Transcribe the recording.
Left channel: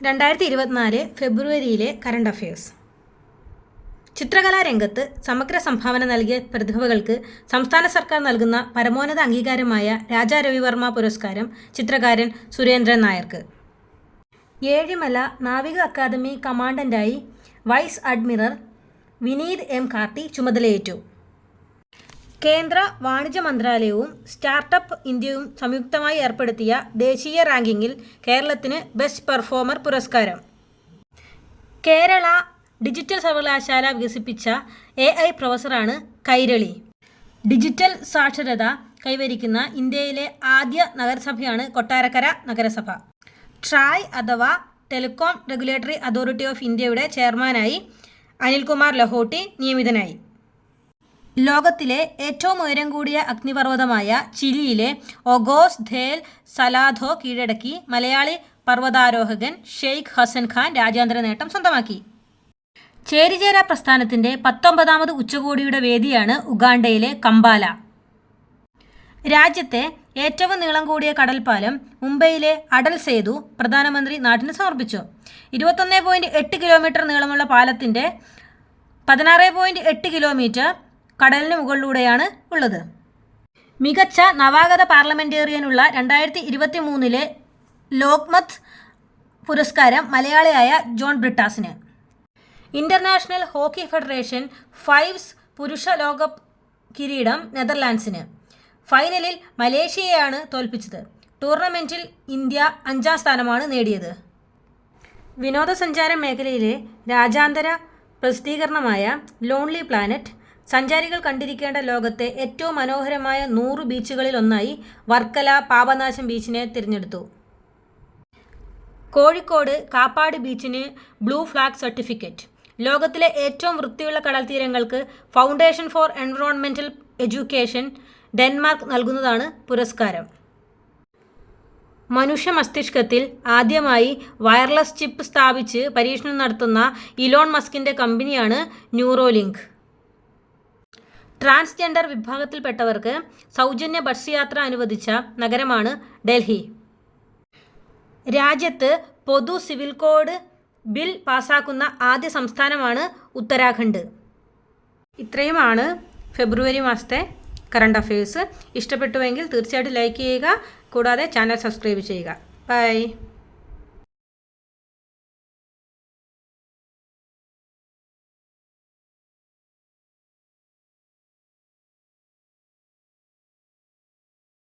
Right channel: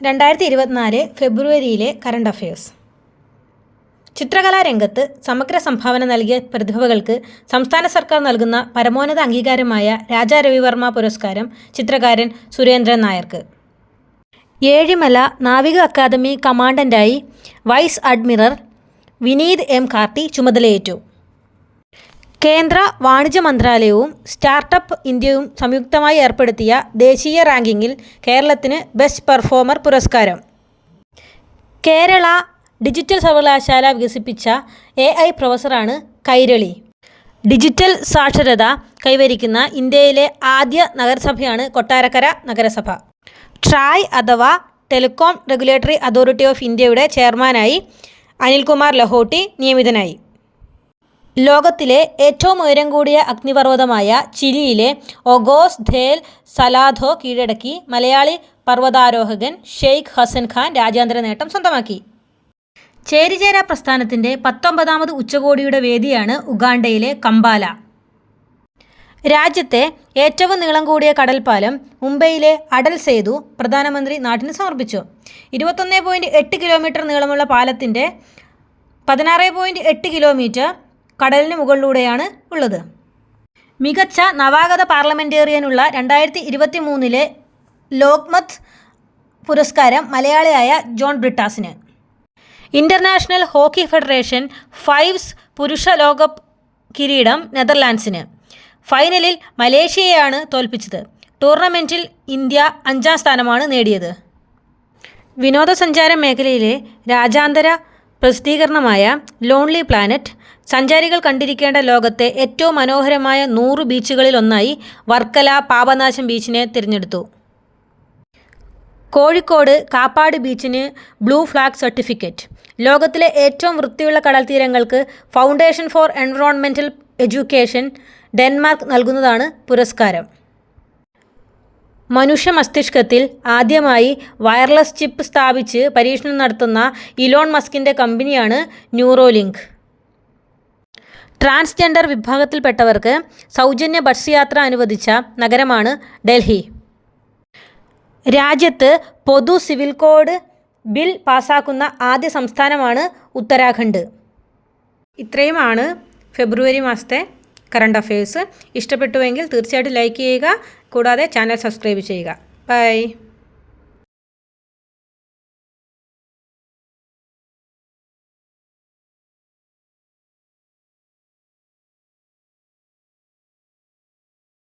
രണ്ടായിരത്തി ഇരുപത്തിനാല് ഫെബ്രുവരിയിലെ current affairs ചിത്രകലാരംഗത്ത് സമഗ്ര സംഭാവന നൽകിയ പ്രതിഭകൾക്ക് സംസ്ഥാന സർക്കാർ നൽകുന്ന പരമോന്നത അംഗീകാരമായ രാജാ രവിവർമ്മ പുരസ്കാരം ചിത്രകാരൻ സുരേന്ദ്രൻ നായർക്ക്. ഏഴിമല നാവിക academy കമാൻഡന്റായി vice admiral Vineeth M Karthi ചുമതലയേറ്റു. കേന്ദ്ര വാണിജ്യ മന്ത്രാലയവും സ്റ്റാർട്ടപ്പ് ഇന്ത്യയും സംയുക്തമായി ഏർപ്പെടുത്തിയ ദേശീയ റാങ്കിങ്ങിൽ കേരളത്തിന് ബെസ്റ്റ് പെർഫോമർ പുരസ്കാരം. കേരള ഡിജിറ്റൽ സർവകലാശാല വികസിപ്പിച്ച എ ഐ പ്രൊഫസറാണ് കൈരളി. ഡിജിറ്റൽ സാക്ഷരത കൈവരിക്കുന്ന ഇന്ത്യയിലെ ആദ്യ നഗരസഭയാണ് കൊട്ടാരക്കര നഗരസഭ. ട്രായ് അഥവാ ടെലികോം റെഗുലേറ്ററി അതോറിറ്റി ഓഫ് ഇന്ത്യയുടെ ചെയർമാനായി അനിൽകുമാർ ലഹോട്ടി നിയമിതനായി. ലോകത്തിലെ ഏറ്റവും ഉയരം കൂടിയ അഗ്നിപർവതമായ ചിലിയിലെ ഒഗോസ് ധേൽ സലാധോ കീഴടക്കി മലയാളി പർവതാരോഹകൻ ഷെയ്ഖ് ഹസൻ ഖാൻ രാജ്യാന്തര നേട്ടം സ്വന്തമാക്കി. ചേരിചേര പ്രസ്ഥാനത്തിന്റെ പത്തൊമ്പതാമത് ഉച്ചകോടിയുടെ വേദിയാണ് ഉഗാണ്ടയിലെ കമ്പാല. രാജ്യത്തെ ഏറ്റവും നീളം കൂടിയ കടൽപ്പാലം മുംബൈയിലെ അടൽ സേതു പ്രധാനമന്ത്രി നാട്ടിന് സമർപ്പിച്ചു. ഇരുപത്തൊന്ന് പോയിന്റ് എട്ട് കിലോമീറ്റർ നീളമുള്ള പാലത്തിന്റെ പതിനാറ് പോയിന്റ് എട്ട് കിലോമീറ്റർ കടലിന് മുകളിലൂടെയാണ് ഉള്ളത്. മികച്ച നവാഗത പാർലമെന്റേറിയനുള്ള രണ്ടായിരത്തി ഇരുപത്തി മൂന്നിലെ ലോക്മത്ത് പുരസ്കാരം മലയാളിയായ ജോൺ ബ്രിട്ടാസിന്. ഇന്റർനാഷണൽ ഹോക്കി ഫെഡറേഷൻ ഫൈവ്സ് പുരുഷ ലോകകപ്പ് കിരീടം നെതർലാൻഡ്സിന്. ഫൈനലിൽ മലേഷ്യയെയാണ് തോൽപ്പിച്ചത്. ടൂർണമെന്റിൽ ഇന്ത്യ അഞ്ചാം സ്ഥാനമാണ് നേടിയത്. വിനോദസഞ്ചാര മേഖലയിലെ രാജ്യാന്തര പ്രസിദ്ധീകരണമായ ലോൺലി പ്ലാനറ്റ് സഞ്ചാരികൾ കണ്ടിരിക്കേണ്ട ലോകത്തെ ഏറ്റവും മനോഹരമായ നൂറ് ബീച്ചുകളിൽ ഒന്നായി വർക്കല പാപനാശം ബീച്ചിനെ തിരഞ്ഞെടുത്തു. കോഴിക്കോട് കാപ്പാട് ബീച്ചിന് ബ്ലൂ ഫ്ലാഗ് സർട്ടിഫിക്കറ്റ്. ലോകത്തിലെ ഏറ്റവും വൃത്തിയുള്ള കടൽ തീരങ്ങൾക്ക് foundation for environmental education Denmark നൽകുന്നതാണ് പുരസ്കാരം. മനുഷ്യ മസ്തിഷ്കത്തിൽ ആദ്യമായി വയർലെസ് ചിപ്പ് സ്ഥാപിച്ച് പരീക്ഷണം നടത്തുന്ന ഇലോൺ മസ്കിന്റെ കമ്പനിയാണ് ന്യൂറോലിങ്ക്. ട്രാൻസ്ജെൻഡർ വിഭാഗത്തിൽപ്പെട്ടവർക്ക് സൗജന്യ ബസ് യാത്ര അനുവദിച്ച നഗരമാണ് ഡൽഹി. രാജ്യത്ത് പൊതു സിവിൽ കോഡ് ബിൽ പാസാക്കുന്ന ആദ്യ സംസ്ഥാനമാണ് ഉത്തരാഖണ്ഡ്. ഇത്രയുമാണ് ഫെബ്രുവരി മാസത്തെ കറണ്ട് അഫയേഴ്സ്. ഇഷ്ടപ്പെട്ടുവെങ്കിൽ തീർച്ചയായിട്ടും ലൈക്ക് ചെയ്യുക കൂടാതെ ചാനൽ സബ്സ്ക്രൈബ് ചെയ്യുക. ബൈ.